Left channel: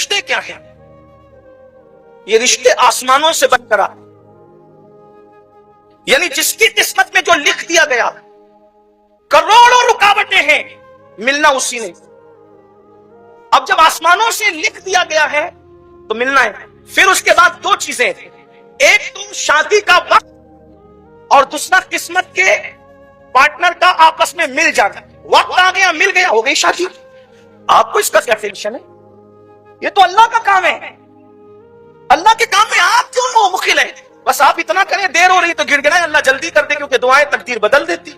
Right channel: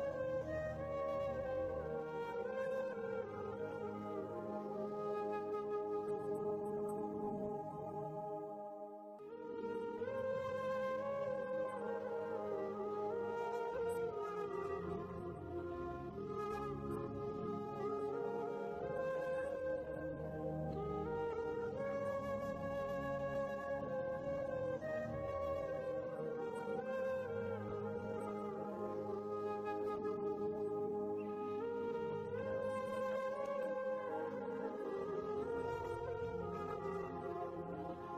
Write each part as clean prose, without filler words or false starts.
رشتے کیا ہیں؟ یہ رشتے آسمانوں سے بن کر آتے، یعنی جس کی قسمت میں جو لکھ دیا گیا، کروڑوں رکاوٹیں ہیں، ملنا اسی نے۔ اب جب آسمانوں سے لکھ دیا گیا ہے تو ملنا ہے۔ پھر اس کے بعد دو چیزیں، ایک تو شادی کا وقت اور دوسرا قسمت کے پارٹنر کا آپس میں مل جانا۔ وقت آ گیا، مل گیا، ہو گئی شادی۔ آپ کو اس کا کیا ٹینشن ہے؟ یہ تو اللہ کا کام ہے۔ اللہ کے کام میں آپ کیوں مخل ہیں؟ بس آپ اتنا کریں، دیر ہو رہی تو گڑ گڑائیں، اللہ جلدی کر دے، کیونکہ دعائیں تقدیر بدل دیتی۔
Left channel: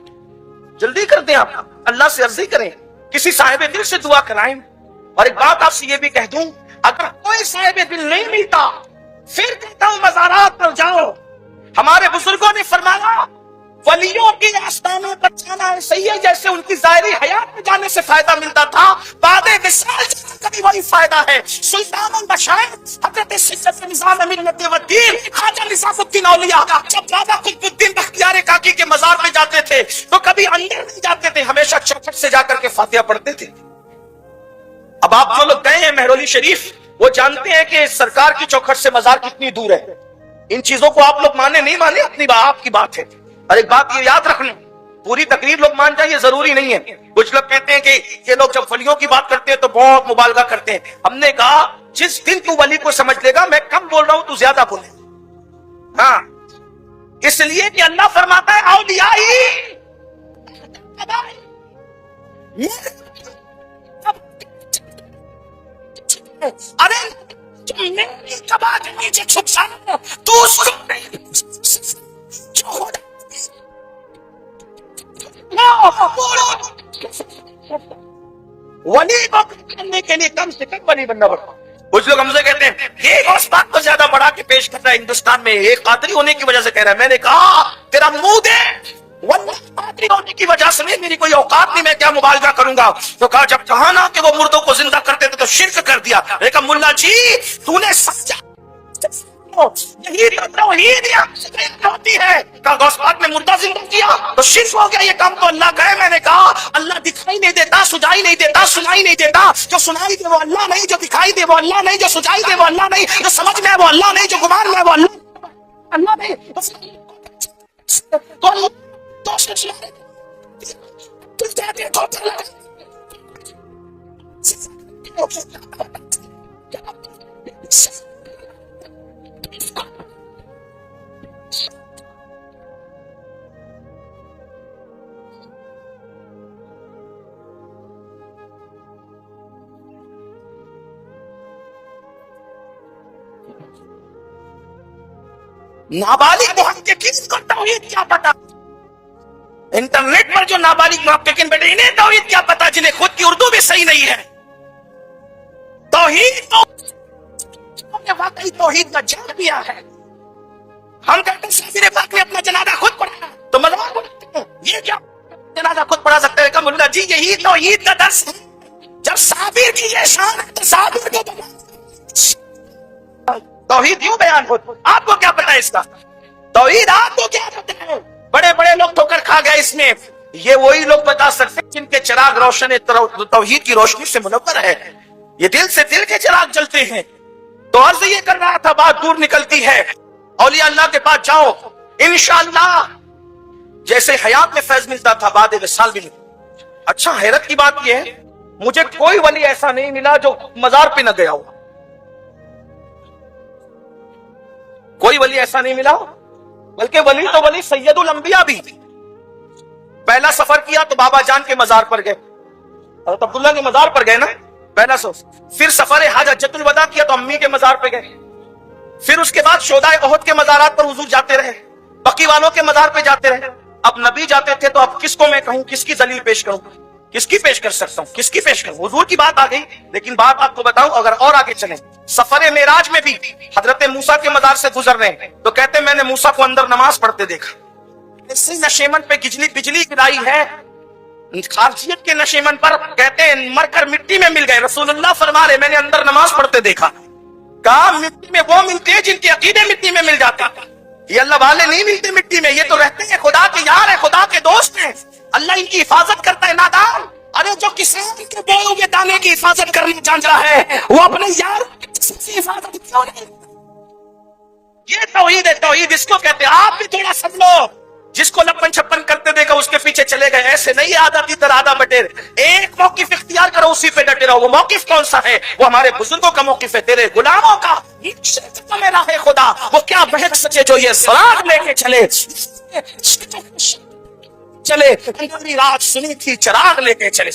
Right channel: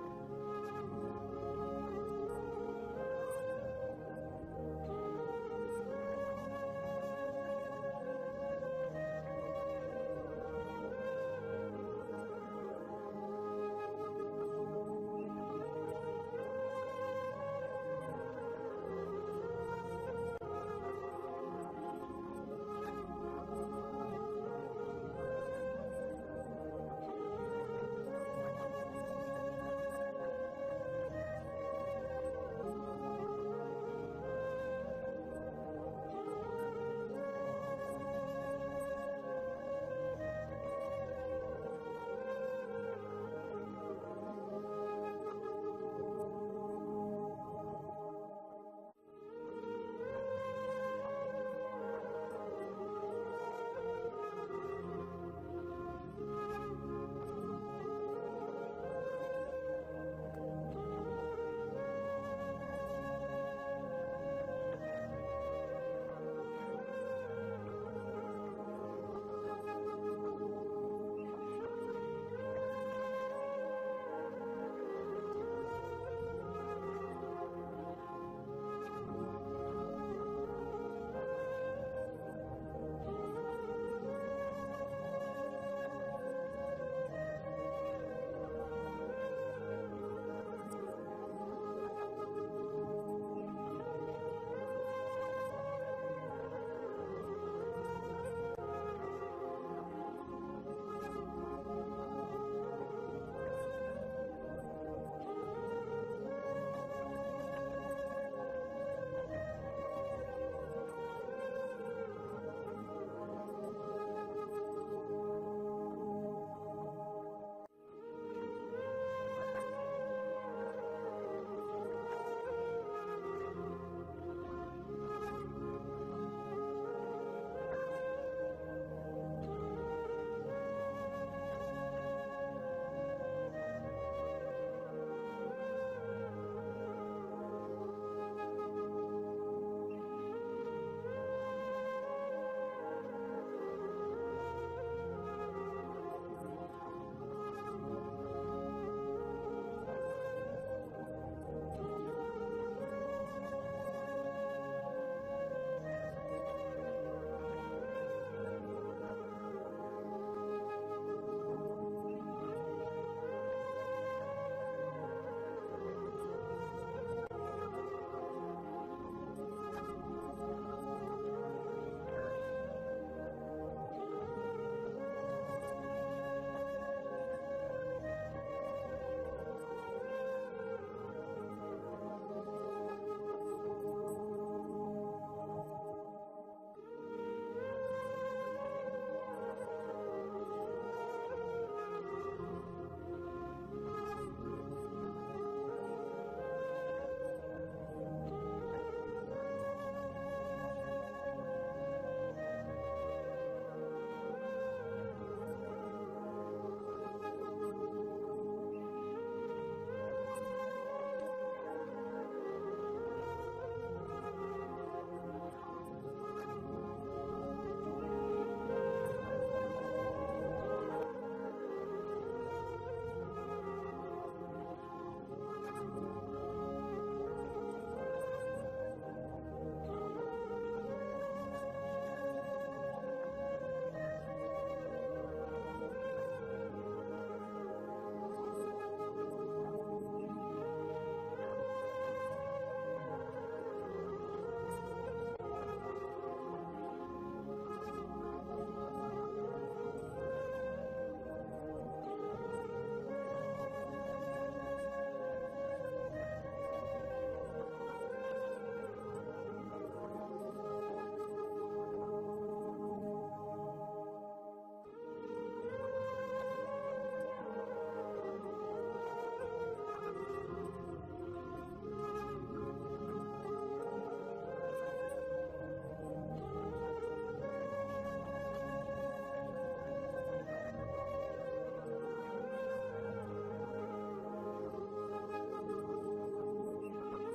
جلدی کر دیں، آپ اللہ سے عرضی کریں، کسی صاحب دل سے دعا کرائیں۔ اور ایک بات آپ سے یہ بھی کہہ دوں، اگر کوئی صاحب دل نہیں ملتا، پھر کہتا ہوں مزارات پر جاؤ۔ ہمارے بزرگوں نے فرمایا ولیوں کے آستانوں پر جانا صحیح ہے، جیسے ان کی ظاہری حیات میں جانے سے فائدہ ملتا تھا، بعد وصال جانا کا بھی وہی فائدہ ہے۔ سلطان المشائخ حضرت سید نظام ملت والدین خواجہ نظام الدین اولیاء جب بابا قطب الدین بختیار کاکی کے مزار پہ جاتے تھے تو کبھی اندر نہیں جاتے تھے، ہمیشہ چوکھٹ سے جا کر کے فاتحہ پڑھتے تھے۔ اب آپ جو لوگ گئے ہیں مہرولی شریف، وہ جانتے ہیں کہ سرکار کی چوکھٹ سے مزار کتنی دور ہے۔ ان چیزوں کو آپ لوگ مانے نہیں مانے اپنی آپ کی بات ہے۔ اور ایک بات یہ یاد رکھ لیں، پوری تقریر لوگ مان جائیں یہ ضروری نہیں ہے۔ کچھ لوگ کہتے ہیں کہ یہ لوگ جب ولیوں کی بات کرتے ہیں تو بہت مبالغہ کرتے ہیں۔ ہم نے کہا جس دن تو ولی کو سمجھ لے گا، میں کم بول رہا ہوں تو زیادہ بولے۔ ہاں، اس لیے کہ اللہ فرماتا ہے اولیائی ارے میری کبا کے نیچے چھپ جانا، تو اس کو ولی کو کرنے کے لیے کم سے کم ولی بننا پڑتا۔ کچھ لوگ ہم سے کہتے ہیں یہ اس بات کو زیادہ بڑھا کے پیش کر رہا ہے، ہندوستان میں ایک قادری ہونے کی وجہ سے کہہ رہا ہے۔ میں نے کہا تیرا منہ دے، واللہ قادری ہونے کی وجہ سے نہیں، میری کوئی اوقات نہیں، میں کیا مبالغہ کروں گا۔ تو کہا جب کہا نا کہ وہ مردوں کو زندہ کرتے تھے تو شرک کر دیا۔ میں کہا ملا جی تو نے سمجھا یہی توحید ہوتی ہے، کہا غوث پاک نے مردہ زندہ کیا تو شرک ہو گیا، یہ کام تو اللہ کا ہے۔ میں نے کہا اللہ دکھائی نہیں دیتا، سجائی نہیں دیتا، سنائی نہیں دیتا، جو سنائی دے وہ اللہ نہیں، جو دکھائی دے وہ اللہ نہیں، جو سجائی دے وہ اللہ نہیں، جو سمجھ میں وہ اللہ نہیں، جو گمان میں وہ اللہ نہیں۔ تو اللہ نابالغ محققین کو توحید کیا پتا؟ انٹرنیٹ پر جو نابالغ محققین بیٹھے انہیں توحید کیا پتا جنہیں خود کی اردو بھی صحیح نہیں ہے۔ توحید تو واقعی توحید کا جان دیا ہے۔ ہم کہتے ہیں شبیر پاک نے اپنا جنازہ خود پڑھا تو مذاق اڑاتے ہیں، یہ کیا جنازہ خود پڑھا سکتے ہیں؟ کہ ملا جی یہی توحید کا درس ہے۔ جب صابر کی یہ شان ہے تو صابر کو توحید یوں بیان ہو۔ آپ کو کیا پتا ہے اس کا توحید؟ آپ کو کیا پتا ہے؟ بڑے بڑے لوگ ٹھوکر کھا گئے اس میں۔ یہ وہی لوگ بتا سکتے جن کے چراغ روشن توحید کی روشنی سے منور ہے، یہ دل سے دل کے چراغ جلتے ہیں۔ تو عرض یہ کر رہا تھا، بات دور نکلتی ہے، اولیاء اللہ کے پاس جاؤ انشاءاللہ جیسے حیات میں فیض ملتا تھا بعد وصال بھی ملتا۔ اچھا حیرت کی بات یہ ہے مجھے کوئی ولی ایسا نہیں ملا جو مزار پہ نہ گیا ہو، کوئی ولی ایسا نہیں ملا، بلکہ ولی تو ولی سید الانبیاء بھی۔ پہلا سفر کیا تو بابا جان کے مزار پر گئے، حضرت عبداللہ کے مزار پر گئے نا پہلا سفر۔ پھر سفر حج حجۃ الوداع کیا تو امی کے مزار پہ گئے۔ پھر اس کے بعد شہدائے احد کے مزارات پر حضور جاتے رہے، بقی والوں کے مزار پہ جاتے رہے۔ اب نبی جاتے تھے تو اب کس کو میں کہوں، کس کی دلیل پیش کروں، کس کی پیش کر سکتا ہوں، کس کی پیش کروں؟ حضور کی بات آ گئی، لیکن بات آپ کو بتاؤں اگر اور آگے چلیں، سفر معراج میں بھی حضرت موسیٰ کے مزار سے گزر رہے ہیں تو کہتے ہیں میں نے موسیٰ کو اندر نماز پڑھتے دیکھا۔ اسی نشیمن پہ بجلی گرائی ہے، خارجیت کے نشیمن پر کہتے ہیں مر کر مٹی میں مل گئے۔ رسول اللہ فرما رہے میں نے اندر نماز پڑھتے دیکھا۔ کہا مٹی میں وہ ملتے ہیں جن کے عقیدے مٹی میں مل جاتے ہیں، یہ اللہ والے نہیں ملتے مٹی میں، یہ تو رہتے ہیں خدا کے یار ہیں، خدا کے دوست ہیں، اللہ ان کی حفاظت کرتا ہے۔ نادان ارے جو کسان کے بوئے ہوئے دانے کی حفاظت کرنے جان رہا ہے وہ اپنے یار حفاظت کیوں نہیں؟ یہ توحید ہے، توحید اس کو کہتے ہیں۔ آپ بھی تھوڑا سمجھو، جس کو لپن چھپن کرتے دیکھا اس کے پیچھے چلے گئے، ایسے نہیں آدھا تیتر آدھا بٹیر، ایک موقف اختیار کرو، اسی پہ ڈٹے رہو۔ وہ موقف کون سا ہے؟ وہ ہمارے بزرگوں کا موقف ہے، تیرے غلاموں کا راہ خدا۔ وہ کیا بہت سچے جو یہ سراغ لے کے چلے اندھیری رات سنی تھی، چراغ لے کے چلے۔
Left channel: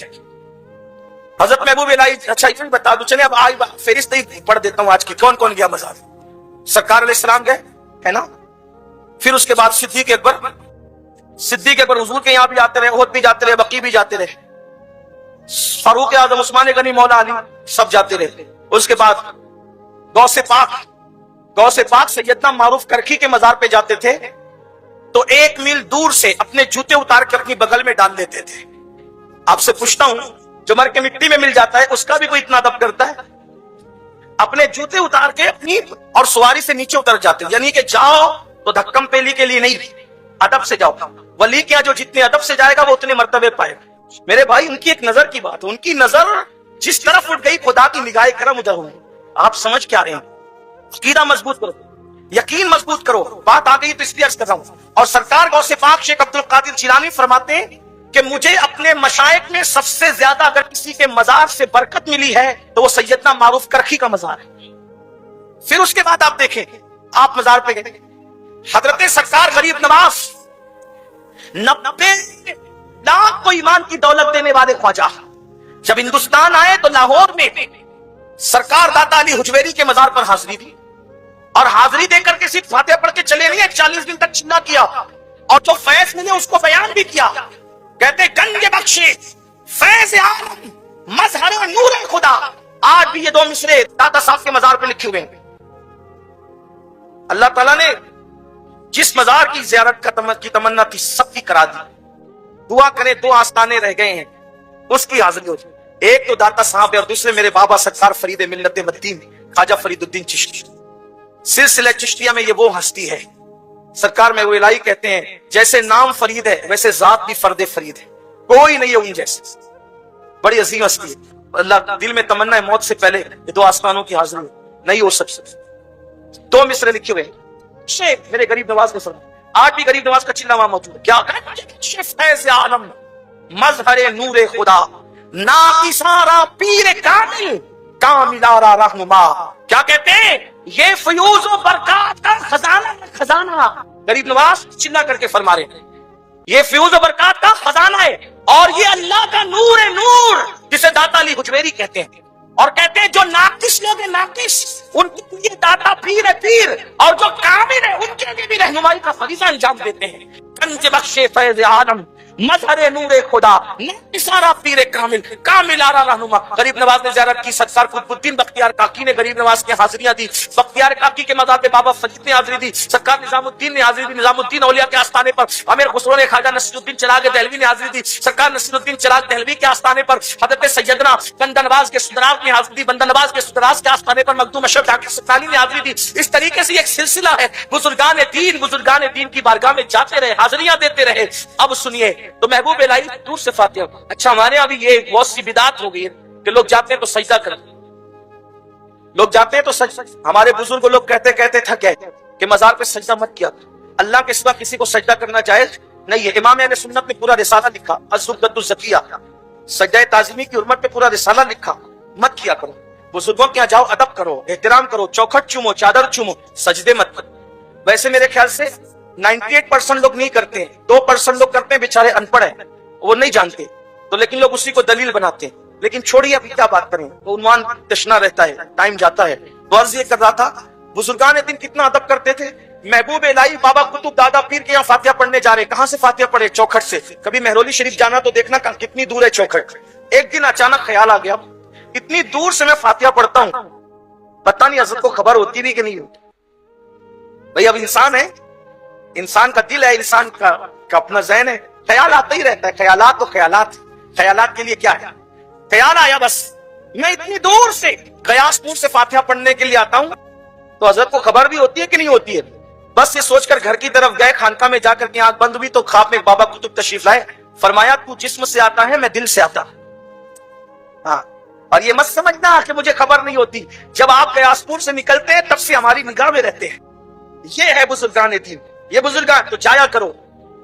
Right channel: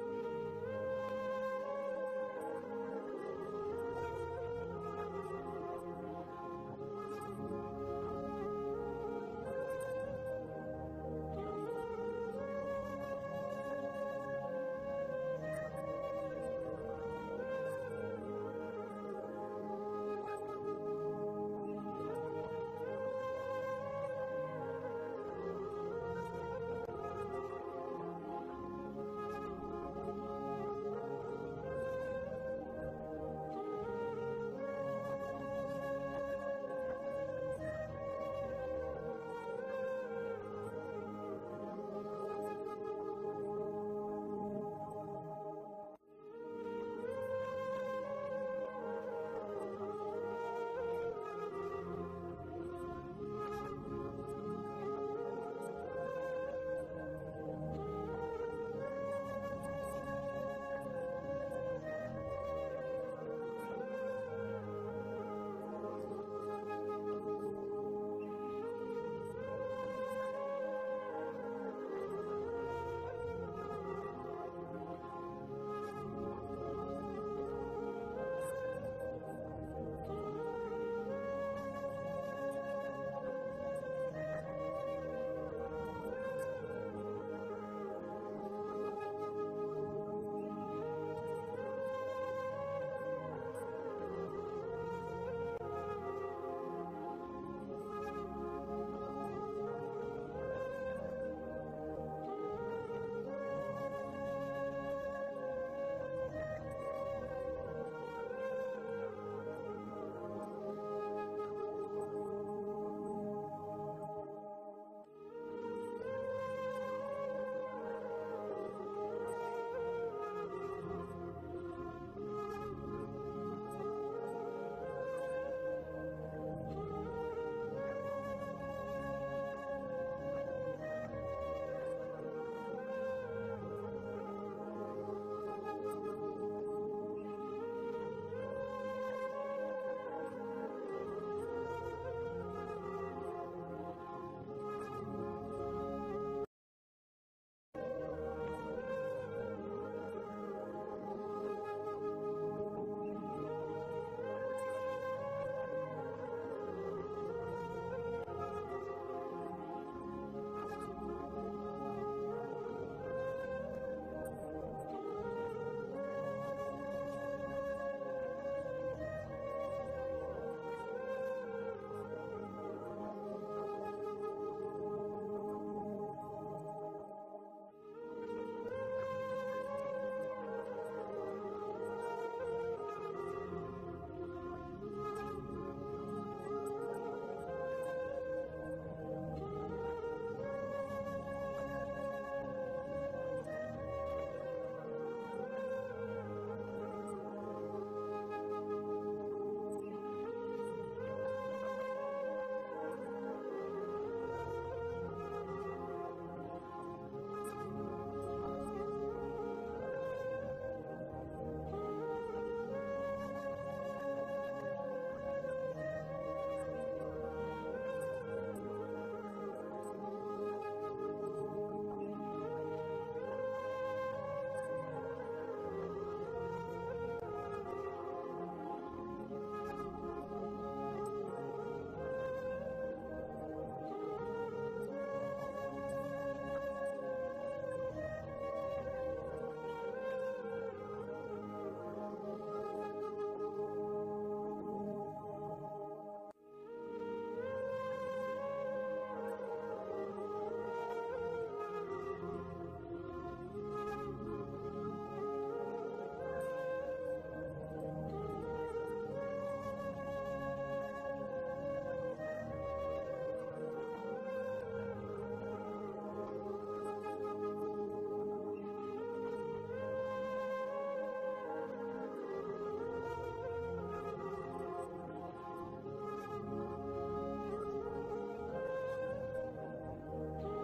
حضرت محبوب الہی، اچھا یہ بتا دو، چلے اب آج فہرست پڑھ دیتا ہوں آج کی، کون کون گیا مزار؟ سرکار علیہ السلام گئے ہے نا، پھر اس کے بعد صدیق اکبر حضور کے یہاں بھی جاتے رہے، احد بھی جاتے رہے، بقیع بھی جاتے رہے، فاروق اعظم، عثمان غنی، مولا علی، سب جاتے رہے۔ اس کے بعد غوث پاک سیدنا معروف کرکھی کے مزار پہ جاتے تھے تو 1 میل دور سے اپنے جوتے اتار کے اپنی بغل میں ڈال دیتے تھے۔ آپ سے پوچھتا ہوں، جو مر کے مٹی میں مل جاتا ہے اس کا بھی کوئی اتنا ادب کرتا ہے؟ اپنے جوتے اتار کے اپنی اور سواری سے نیچے اتر جاتے ہیں، یعنی کہ جاؤ تو دھکم پیلی کے لیے نہیں، ادب سے جاؤ۔ ولی کیا جو جتنے ادب سے جائے گا وہ اتنے مرتبے پائے گا۔ میرے بھائی، ان کی ایک نظر کی بات، ان کی نظر جس طرف اٹھ گئی خدا کی نگاہ کرم ادھر ہوئی۔ آپ سمجھ کیا رہے ہیں؟ عقیدہ مضبوط کرو، یقین مضبوط کرو۔ بات آ گئی تو اس لیے عرض کر رہا ہوں۔ اور سرکار غوث پاک شیخ عبد القادر جیلانی فرماتے ہیں کہ مجھے اپنے مشائخ میں سب سے زیادہ اگر کسی کے مزار سے برکت ملی ہے تو وہ سیدنا معروف کرکھی کا مزار ہے۔ پھر اس کے بعد آپ دیکھیں، آپ مزار پہ گئے، حضرت سرکار غریب نواز 90 لاکھ کو ایمان کی دولت دینے والے خواجہ جب ہندوستان آئے تو لاہور میں سرکار داتا علی حجویری کے مزار پر حاضری دی، اور حاضری دے کر کے صرف فاتحہ پڑھ کے چلے نہیں، 40 دن تک چلا کیا، اور جو فیض ملے اس کو بیان بھی کیا۔ کہتے گنج بخشے فیض عالم مظہر نور خدا۔ آج بھی یہ 2 مصرے داتا صاحب کے مزار پہ لکھے ہوئے ہیں۔ اللہ تعالیٰ نے جس مزار کی زیارت کی تمنا تھی سب کی کرا دی۔ دعا کریں، 2 آستانے رہ گئے ہیں، اس کی حاضری ہو جائے۔ ایک تو داتا صاحب ہے اور دوسرے میرے بابا سرکار فرید ملت مدین خواجہ فرید الدین چشتی۔ سلسلہ چشتیہ میں یہ وہ ہستی ہے، سرکار میں وہ الہی کہتے ہیں جیسے نام فرید ہے ویسے ذات بھی فرد فرید ہے، کوئی نہیں ہے ان جیسے، بڑی عظیم ہستی ہے۔ اللہ دل میں تمنا ہے موت سے پہلے یہ 2 آستانوں کی حاضری نہیں ہو سکتی۔ 2 مصرے لکھے ہوئے شیخ میرے غریب نواز نے فرمایا، آج بھی غریب نواز کا چلہ وہاں موجود ہے۔ کیا فیض عالم مظہر نور خدا، ناقصارا پیر کامل کاملارا رہنما۔ کیا کہتے ہیں؟ یہ فیوز و برکات کا خزانہ غریب نواز چلا کر کے فرما رہے ہیں، یہ فیوز و برکات کا خزانہ ہے، اور یہ اللہ کا نور ہے، نور جسے داتا علی حجویری کہتے ہیں۔ اور کہتے ہیں جو ناقص لوگ ہیں، ناقص ان کے لیے داتا پیر ہے، پیر، اور جو کامل ہے ان کے لیے بھی رہنمائی کا فریضہ انجام دیتے ہیں۔ کنج بخشے فیض عالم مظہر نور خدا، ناقصارا پیر کامل کاملارا رہنما۔ غریب نواز نے زیارت کی، سرکار قطب الدین بختیار کاکی نے غریب نواز کی حاضریاں دی، بختیار کاکی کے مزار پہ بابا فرید نے حاضری دی، سرکار نظام الدین نے حاضری دی، نظام الدین اولیاء کے آستانے پر امیر خسرو نے خواجہ نصیر الدین چراغ دہلوی نے حاضری دی، سرکار نصیر الدین چراغ دہلوی کے آستانے پر حضرت سیدنا بندہ نواز کے سدراج نے حاضری دی، بندہ نواز کے سدراج کے آستانے پر مخدوم اشرف ڈاکٹر سکانی نے حاضری دی۔ اس طریقے سے ایک سلسلہ ہے، بزرگان دین کی بارگاہ میں جاتے رہے، حاضریاں دیتے رہے۔ اب سنیے تو محبوب الہی دور سے فاتحہ۔ اچھا ہمارے یہاں بھی یہ بہت سی بدعت ہو گئی ہے کہ لوگ جاتے ہیں تو سجدہ کرتے، لوگ جاتے ہیں تو ہمارے بزرگ لوگ کہتے تھک گئے کہ مزار پہ سجدہ مت کیا، اللہ کے سوا کسی کو سجدہ کرنا جائز نہیں ہے۔ امام اہل سنت نے پورا رسالہ لکھا الزبدۃ الزکیہ، سجدہ تعظیمی کی حرمت پہ پورا رسالہ لکھا، مت کیا کرو۔ بزرگوں کے یہاں جاؤ، ادب کرو، احترام کرو، چوکھٹ چومو، چادر چومو، سجدے مت کرو۔ ویسے میرے خیال سے 98% لوگ نہیں کرتے ہیں، 2% لوگ کرتے ہیں، بیچارے ان پڑھ ہیں، وہ نہیں جانتے تو، لیکن لوگ اسی کو دلیل بناتے ہیں۔ لیکن چھوڑیے، ابھی کیا بات کریں، وہ عنوان تشنا رہتا ہے، ٹائم جاتا ہے۔ تو عرض یہ کر رہا تھا بزرگان دین کتنا ادب کرتے تھے۔ محبوب الہی بابا قطب دادا پیر کے یہاں فاتحہ پڑھنے جا رہے، کہاں سے فاتحہ پڑھے؟ چوکھٹ سے۔ کبھی مہرولی شریف جانا تو دیکھنا کتنی دور ہے چوکھٹ۔ ایک دن اچانک خیال آ گیا اتنی دور سے میں فاتحہ پڑھتا ہوں، پتہ نہیں حضرت کو خبر ہوتی بھی کہ نہیں ہوتی۔ بھئی اب انسان ہے، انسان کا دل ہے، انسان کا اپنا ذہن ہے، خیال آتا ہی رہتا ہے، خیالات تو خیالات کے لیے کیا ہے؟ خیال آیا، بس میں اتنی دور سے قیاس پور سے فاتحہ پڑھنے کے لیے آتا ہوں تو حضرت کو خبر بھی ہوتی ہے کہ نہیں ہوتی ہے؟ بس یہ سوچ کر گھر کی طرف گئے، خانقاہ میں جا کر کے آنکھ بند ہوئی تو خواب میں بابا قطب تشریف لائے، فرمایا تو جسم سے آتا ہے، میں دل سے آتا ہوں۔ ہاں اور یہ مت سمجھنا کہ مجھے خبر نہیں ہوتی، جب آپ بیاسپور سے نکلتے ہیں تب سے ہماری نگاہ میں رہتے ہیں. یہ ہے بزرگان دین، یہ بزرگان. تو جایا کرو.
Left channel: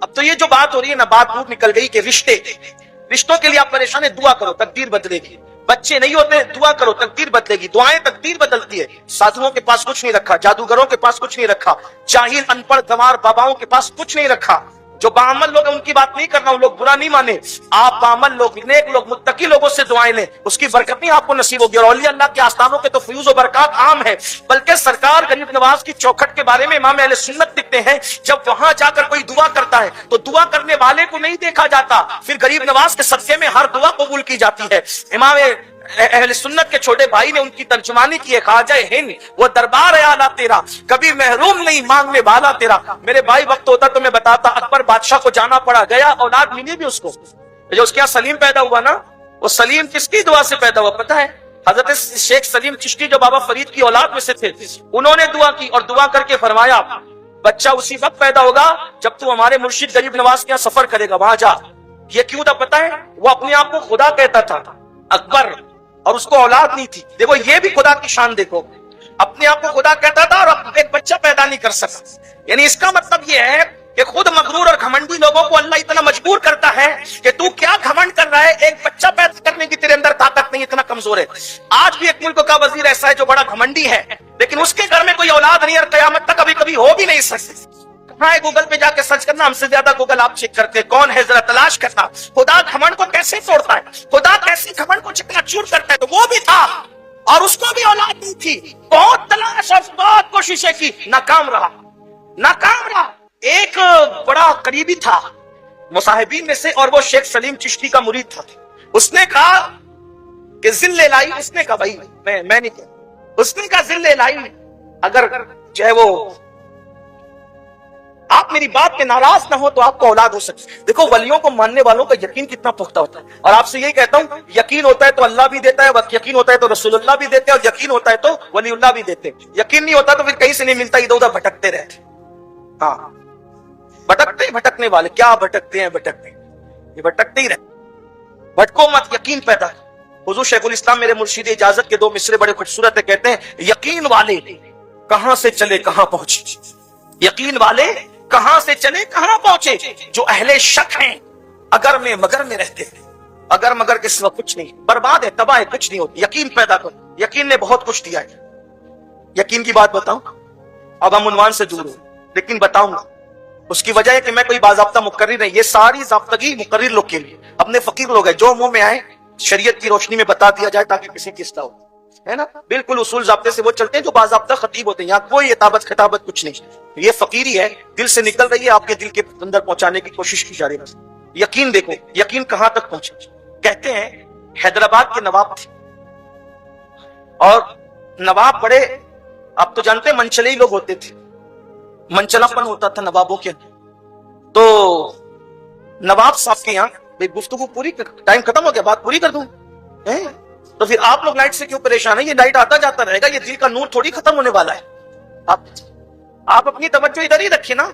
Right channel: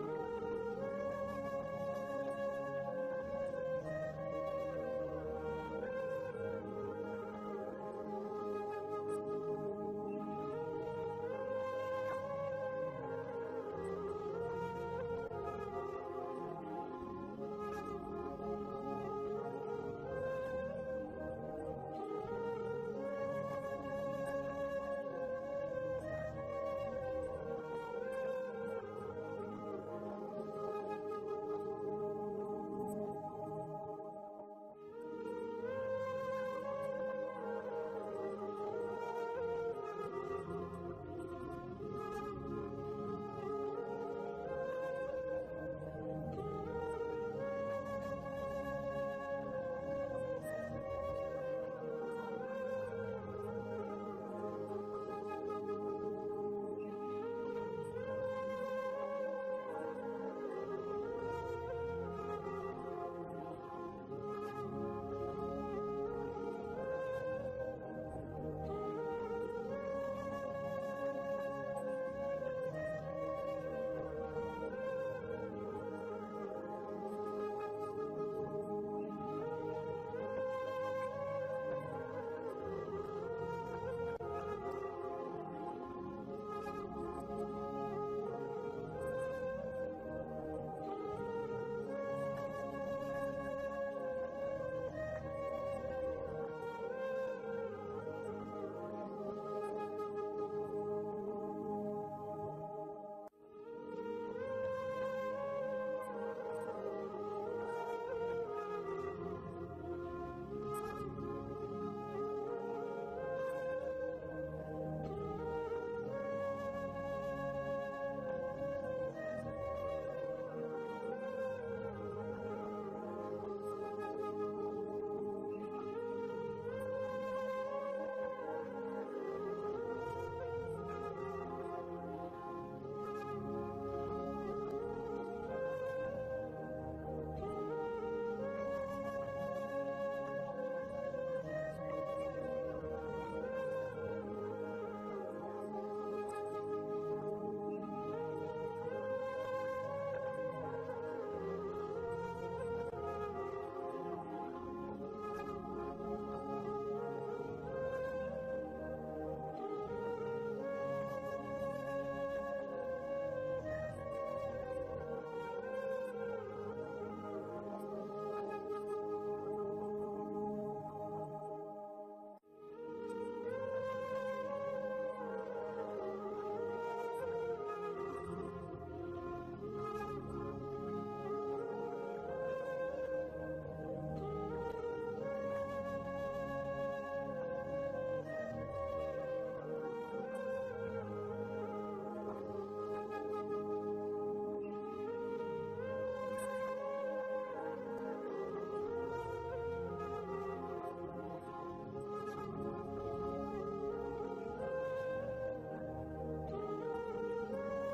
اب تو یہ جو بات ہو رہی ہے نا، بات دور نکل گئی کہ رشتوں کے لیے آپ پریشان ہیں، دعا کرو تقدیر بدلے گی. بچے نہیں ہوتے دعا کرو تقدیر بدلے گی. دعائیں تقدیر بدلتی ہے. سادھوؤں کے پاس کچھ نہیں رکھا، جادوگروں کے پاس کچھ نہیں رکھا، جاہل ان پڑھ گنوار باباؤں کے پاس کچھ نہیں رکھا. جو بعمل لوگ ہیں ان کی بات نہیں کرنا، ان لوگ برا نہیں مانے. آپ بعمل لوگ، نیک لوگ، متقی لوگوں سے دعائیں لیں، اس کی برکت نہیں آپ کو نصیب ہوگی. اور اولیاء اللہ کے آستانوں کے تو فیوز و برکات عام ہے. بلکہ سرکار غریب نواز کی چوکھٹ کے بارے میں امام اہل سنت لکھتے ہیں، جب وہاں جا کر کوئی دعا کرتا ہے تو دعا کرنے والے کو نہیں دیکھا جاتا، پھر غریب نواز کے صدقے میں ہر دعا قبول کی جاتی ہے. امام اہل سنت کے چھوٹے بھائی نے ان کی ترجمانی کی ہے، خواجہ ہند وہ دربار ہے اعلیٰ تیرا، کبھی محروم نہیں مانگنے والا تیرا. میرے بھائی وقت ہوتا تو میں بتاتا، اکبر بادشاہ کو جانا پڑا، گیا اولاد ملی بھی اس کو. جو اس کے یہاں سلیم پیدا ہوا نا، وہ سلیم کس کی دعا سے پیدا ہوا پتہ ہے؟ حضرت شیخ سلیم چشتی جو بابا فرید کی اولاد میں سے تھے، انہوں نے دعا کی اور دعا کر کے فرمایا بچہ اسی وقت پیدا ہوگا جب تو ہمارے مرشد غریب نواز کے یہاں سفر کرے گا، وہاں جا. یہ کیوں تھا پتہ ہے؟ وہ اپنے آپ کو خدا کہتا تھا اکبر، اور اس کو اولاد نہیں تھی. دیکھو یہ بھی خدا کی شان دیکھو، اپنے آپ کو خدا کہتا تھا اور ایک بچہ پیدا نہیں کر سکا. یعنی اس کا مطلب یہ ہے کہ خود مغرور اور گھمنڈی لوگوں کو اللہ اتنا مجبور کرتا ہے کہ تو کیا گھمنڈ کر رہا ہے، ایک بچہ پیدا کرنے کی تیرے اندر طاقت نہیں، اتنا کمزور ہے. آج بھی ایک ملک کا وزیر ایسا ہے جو بڑا گھمنڈی ہے، لیکن اس کے گھر میں کوئی اولاد نہیں اور قیامت تک کبھی کبھی ہو بھی نہیں سکتی. ہاں گوگل پہ جا کے سرچ کرنا، ہم سے زیادہ گوگل آپ چیک کرتے ہیں، کون ہے ذرا تلاش کرنا. خدا گھمنڈ کو کیسے توڑتا ہے، خدا کیسے گھمنڈ کو چکنا چور کرتا ہے. تو وہ بھی تھا اور اس کو بھی اولاد نہیں تھی، بہت تلاش اور بہت کوششیں کی، ناکام رہا. ایک بڑا قریبی تھا مصاحبین میں سے، اور وہ شیخ سلیم چشتی کا مرید تھا. اس نے کہا کہ ذل الہی، اس نے کہا بھائی میں نہیں کہا، اس نے کہا ذل الہی اگر جو ہے وہ آپ میری بات پہ ناراض نہ ہو تو آپ کو اولاد ہو سکتی. دیکھو ولیوں کو ماننے والوں کا یقین کتنا پختہ ہوتا ہے. اور آپ سے یہی کہتا ہوں، یقین ہوتا ہے تو اللہ بھی دیتا ہے، یقین ہوتا ہے تو رسول اللہ بھی دیتے ہیں، اور یقین ہوتا ہے تو ولی اللہ بھی دیتے ہیں. یقین نہیں ہوتا تو پھر کہیں سے نہیں ملتا، ادھر ادھر بھٹکتے رہتے. ہاں بھٹکنے والے کیا بھٹکتے ہیں، یہ بھٹکتے ہی رہتے. بھٹکو مت، یقین پیدا. حضور شیخ الاسلام میرے مرشد اجازت کے 2 مصرے بڑے خوبصورت ہیں، کہتے ہیں یقین والے کہاں سے چلے کہاں پہنچے، یقین والے کہاں سے چلے کہاں پہنچے. جو اہل شک ہیں اگر میں مگر میں رہتے ہیں، اگر مگر کے سوا کچھ نہیں، برباد ہے، تباہ ہے، کچھ نہیں ہوتی. یقین پیدا کرو. یقین نے بہت کچھ دیا ہے. یقین کی بات بتاؤں، اب ہم عنوان سے دور ہیں لیکن بتاؤں گا. اس کی وجہ ہے کہ میں کوئی باضابطہ مقرر نہیں، یہ ساری ضابطگی مقرر لوگ کے لیے، اپنے فقیر لوگ ہیں، جو منہ میں آئے شریعت کی روشنی میں بتا دیا جائے تاکہ کسی کی اصلاح ہو، ہے نا. بالکل اصول ضابطے سے وہ چلتے ہیں جو باضابطہ خطیب ہوتے ہیں. یہاں کوئی اطابت خطابت کچھ نہیں، یہ فقیری ہے، دل سے نکل رہی ہے، آپ کے دل کے اندر پہنچانے کی کوشش کی جا رہی ہے. یقین دیکھو، یقین کہاں تک پہنچے. کہتے ہیں حیدرآباد کے نواب تھے، اور نواب بڑے، آپ تو جانتے ہیں منچلے ہی لوگ ہوتے تھے، منچلا پن ہوتا تھا نوابوں کے اندر. تو نواب صاحب کے یہاں گفتگو پوری، ٹائم ختم ہو گیا، بات پوری کر دوں. تو پھر آپ لوگ لائٹ سے کیوں پریشان ہیں؟ یہ لائٹ آتا جاتا رہے گا، یہ دل کا نور تھوڑی ختم ہونے والا ہے. آپ اپنی توجہ ادھر ہی رکھیے نا،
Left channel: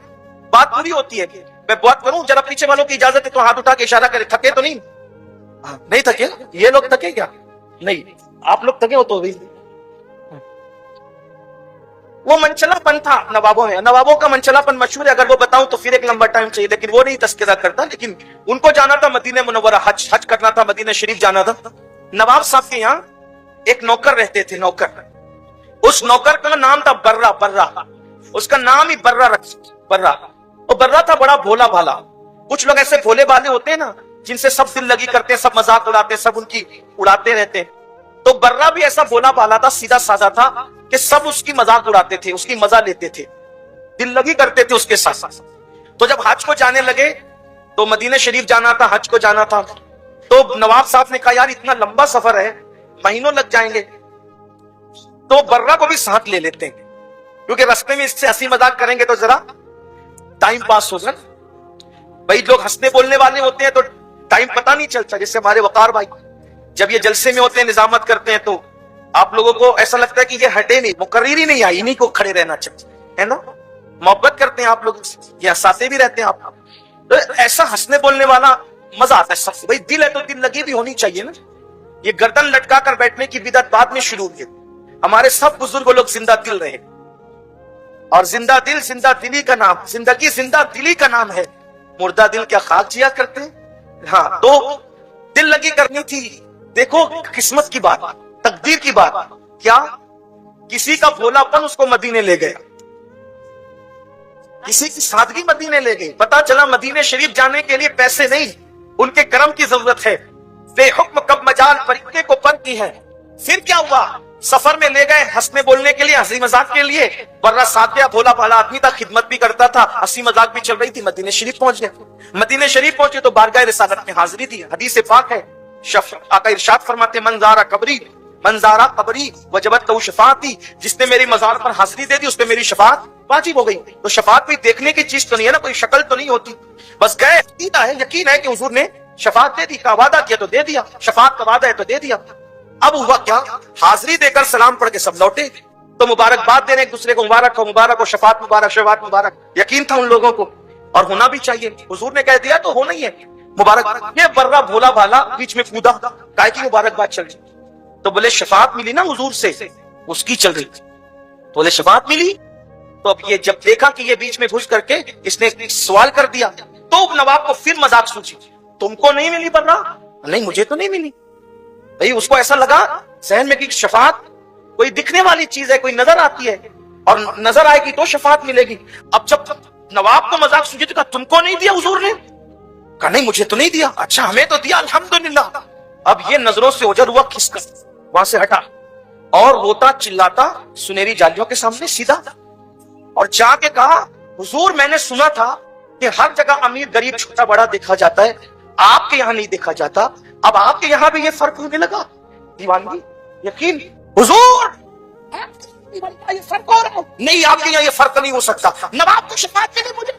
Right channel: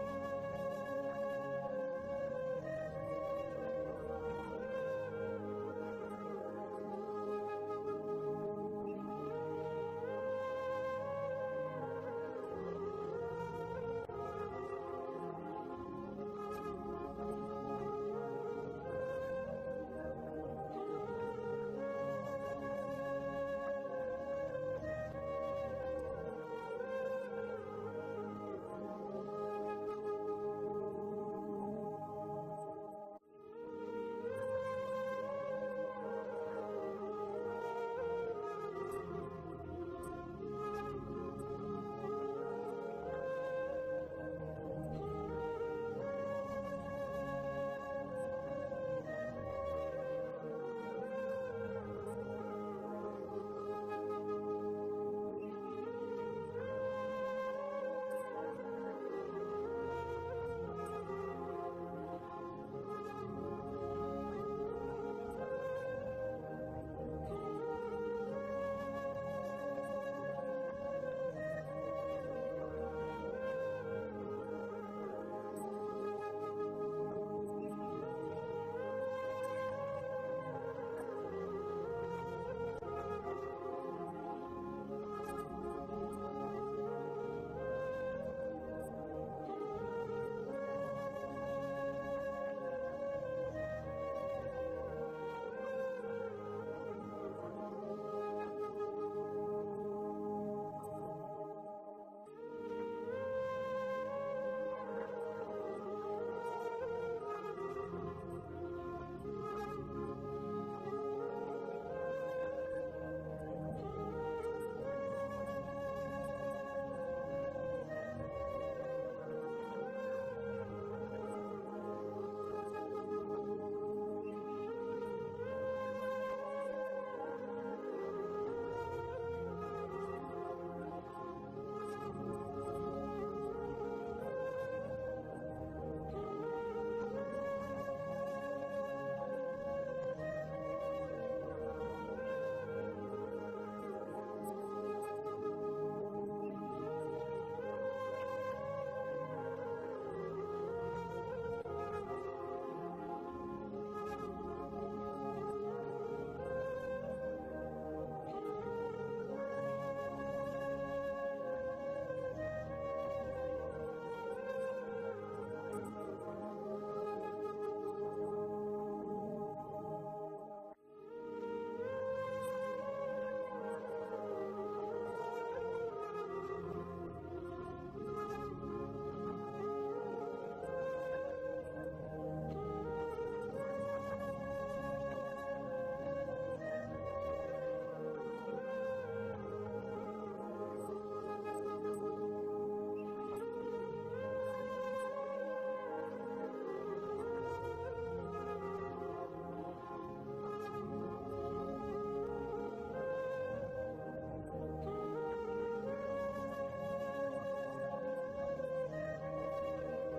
بات پوری ہوتی ہے. میں بات کروں، ذرا پیچھے والوں کی اجازت ہے تو ہاتھ اٹھا کے اشارہ کرے. تھکے تو نہیں تھکے؟ یہ لوگ تھکے کیا؟ نہیں، آپ لوگ تھکے ہو تو بھی. وہ منچلا پن تھا نوابوں میں، نوابوں کا منچلا پن مشہور ہے، اگر وہ بتاؤں تو پھر ایک لمبا ٹائم چاہیے، لیکن وہ نہیں تذکرہ کرتا. لیکن ان کو جانا تھا مدینہ منورہ، حج کرنا تھا، مدینہ شریف جانا تھا. نواب صاحب کے یہاں ایک نوکر رہتے تھے، نوکر. اس نوکر کا نام تھا برہ، اس کا نام ہی برہ. اور برہ تھا بڑا بھولا بھالا. کچھ لوگ ایسے بھولے بھالے ہوتے ہیں نا جن سے سب دل لگی کرتے ہیں، سب مذاق اڑاتے ہیں، سب ان کی اڑاتے رہتے ہیں. تو برہ بھی ایسا بھولا بھالا تھا، سیدھا سادہ تھا کہ سب اس کی مذاق اڑاتے تھے، اس کی مزہ لیتے تھے، دل لگی کرتے تھے اس کے ساتھ. تو جب حج کو جانے لگے تو مدینہ شریف جانا تھا، حج کو جانا تھا، تو نواب صاحب نے کہا یار اتنا لمبا سفر ہے، مہینوں لگ جائیں گے، تو برہ کو بھی ساتھ لے لیتے ہیں، کیونکہ راستے میں اس سے ہنسی مذاق کریں گے تو ذرا ٹائم پاس ہوگا. بھائی لوگ ہنسنے بولنے والے ہوتے ہیں تو ٹائم پتہ نہیں چلتا. جیسے ہمارے وقار بھائی جب یہ جلسے میں ہوتے ہیں، نظامت کرتے ہیں، تو آپ لوگوں کو ایسا لگتا ہے کہ یہ ہٹے نہیں، مقرر ہی نہیں آئی، انہیں کو کھڑے رہنا چاہیے، ہے نا. محبت کرتے ہیں آپ لوگ، یہ ہنساتے بھی رہتے ہیں آپ. تو ایسا ہنسنے بولنے والا مزہ آتا ہے سب سے. بھائی دل ہے تو دل لگی بھی ہونی چاہیے نا. یہ گردن لٹکا کر بیٹھنے کی بدعت بعد میں شروع ہوئی. ہمارے سب بزرگ لوگ زندہ دل رہے, اور زندہ دل زندہ دلی کا نام, زندگی زندہ دلی کا نام ہے. مردہ دل کیا خاک جیا کرتے ہیں؟ ہاں, تو دل لگی کرنی تھی. دیکھو قسمت کی بات, تقدیر کی بات. کیا کسی کا بھولا پن اس کو مدینے لے گیا, کسی کی سادگی مدینے لے گئی. پتا چلا مدینے شریف جانے کے لیے پیسے نہیں, ان کے کرم کی ضرورت ہے. بے حکم کب مجال پرندے کو پر کی ہے. پھر کیا ہوا؟ سفر میں لے گئے ہنسنے بولنے کے لیے, ہنسی مذاق کے لیے. ورنہ سادہ بھولا بھالا آدمی تھا, خدمت بھی کرتا تھا, ہنسی مذاق بھی چل رہی تھی. مدینے شریف پہنچ گئے. مدینے شریف پہنچے تو بارگاہ رسالت میں حاضری دی. حدیث پاک ہے, آقا ارشاد فرماتے من زارا قبری وجبت لہ شفاعتی, جس نے میری مزار پر حاضری دے دی اس پہ میری شفاعت واجب ہو گئی. تو شفاعت بھی دیکھنے کی چیز تو نہیں ہے نا, کوئی شکل تو نہیں ہوتی. بس گئے, یقین ہے کہ حضور نے شفاعت دے دی, کا وعدہ کیا تو دے دیا, شفاعت کا وعدہ ہے تو دے دیا. اب ہوا کیا؟ حاضری دے کر سلام پڑھ کے سب لوٹے. تو مبارکباد دینے ایک دوسرے کو, مبارک ہو, شفاعت مبارک, شفاعت مبارک. یقین تھا ان لوگوں کو, اور ہونا بھی چاہیے. حضور نے کہہ دیا تو ہونا ہی ہے مبارک. یہ برا بھولا بھالا بیچ میں کودا, کائے کی مبارکباد چل رہی. تو بولے شفاعت ملی نا حضور سے, اس کی چل رہی. تو بولے شفاعت ملی. تو اب یہ جب دیکھا کہ یہ بیچ میں گھس کر کے اس نے سوال کر دیا, تو نواب کو پھر مذاق سوچی, تم کو نہیں ملی برا؟ نہیں مجھے تو نہیں ملی. بھئی اس کو ایسا لگا ذہن میں کہ شفاعت کوئی دکھنے والی چیز ہے, کوئی نظر آتی ہے, اور نظر آئے گی تو شفاعت ملے گی. اب جب نواب کو مذاق سوچی تو کہا تم کو نہیں دیا حضور نے؟ کہا نہیں مجھے تو نہیں دیا. اچھا ہمیں تو دیا الحمدللہ. اب یہ نظروں سے اوجھل ہوا, کھس کر وہاں سے ہٹا, اور روتا چلاتا سنہری جالیوں کے سامنے سیدھا, اور جا کے کہا حضور میں نے سنا تھا کہ ہر جگہ امیر غریب چھوٹا بڑا دیکھا جاتا ہے, آپ کے یہاں نہیں دیکھا جاتا. اب آپ کے یہاں بھی یہ فرق ہونے لگا. دیوانگی, یقین حضور یہ فرق ہو رہا نہیں, آپ کے یہاں یہ فرق نہیں ہو سکتا. نواب کو شفاعت کے لیے مجھے,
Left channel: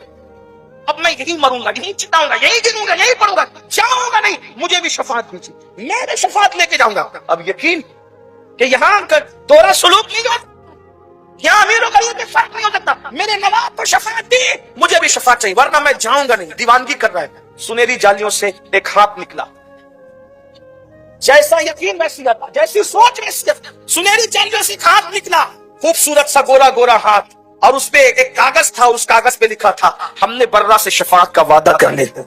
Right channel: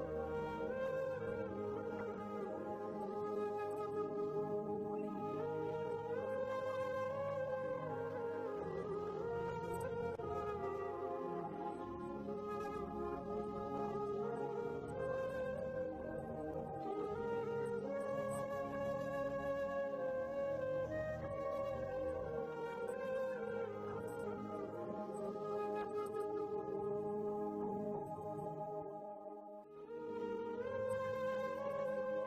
اب میں یہی مروں گا, یہی چٹاؤں گا, یہی گروں گا, یہی پڑوں گا, جاؤں گا نہیں, مجھے بھی شفاعت دیجیے, میں نے شفاعت لے کے جاؤں گا. اب یقین کہ یہاں دورہ سلوک نہیں ہوتا, یہاں امیر و غریب میں فرق نہیں ہو سکتا. میرے نواب کو شفاعت دی, مجھے بھی شفاعت چاہیے, ورنہ میں جاؤں گا نہیں. دیوانگی کر رہا ہے. سنہری جالیوں سے ایک ہاتھ نکلا, جیسا یقین ویسی عطا, جیسی سوچ ویسی عطا. سنہری جالیوں سے ایک ہاتھ نکلا, خوبصورت سا گورا گورا ہاتھ, اور اس پہ ایک کاغذ تھا, اور اس کاغذ پہ لکھا تھا ہم نے برا سے شفاعت کا وعدہ کرنے دو.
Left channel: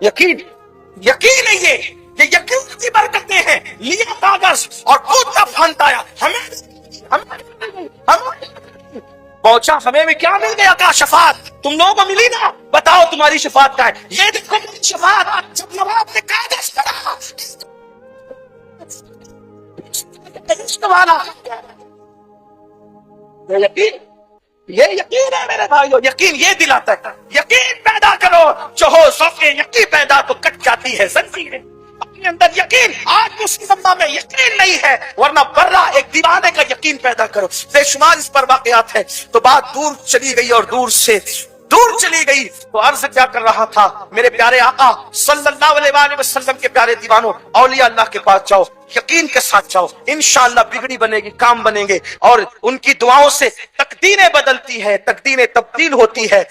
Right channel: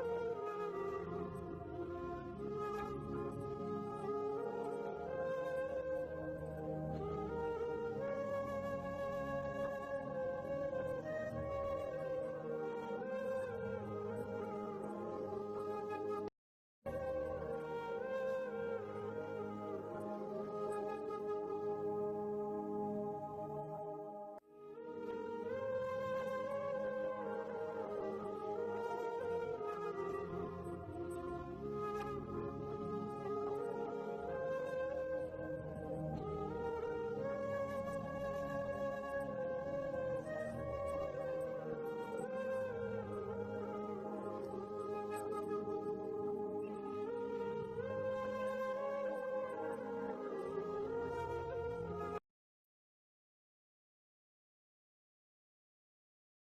یقین, یقین ہے یہ یقین کی برکتیں ہیں. لیا کاغذ اور کودتا پھانتا آیا, ہمیں پہنچا, ہمیں بھی کیا مل گیا؟ کہا شفاعت. تم لوگوں کو ملی نا, بتاؤ تمہاری شفاعت کا ہے. یہ دیکھو میری شفاعت. جب نواب نے کاغذ پڑھا, یہ یقین ہے میرے بھائیو, یقین یہ دلاتا ہے. یقین پیدا کرو, جو ہو سوکھ یقین پیدا تو کٹ جاتی ہے زنجیریں. اپنے اندر یقین, آج مسلم امت میں یقین نہیں ہے, ورنہ برا ایک دیوانے کا یقین پیدا کرو. بے شمار اس پر واقعات ہے. تو بات دور چلی گئی, اور دور سے دور چلی گئی. تو عرض کیا کر رہا تھا, میرے پیارے آقا صلی اللہ علیہ وآلہ وسلم کے پیارے دیوانوں, اولیاء اللہ کے پاس جاؤ, یقین کے ساتھ جاؤ, انشاءاللہ بگڑی بنے گی, کام بنیں گے, اور ان کی دعاؤں سے تقدیریں بدلتی ہے, تقدیریں تبدیل ہوتی ہے.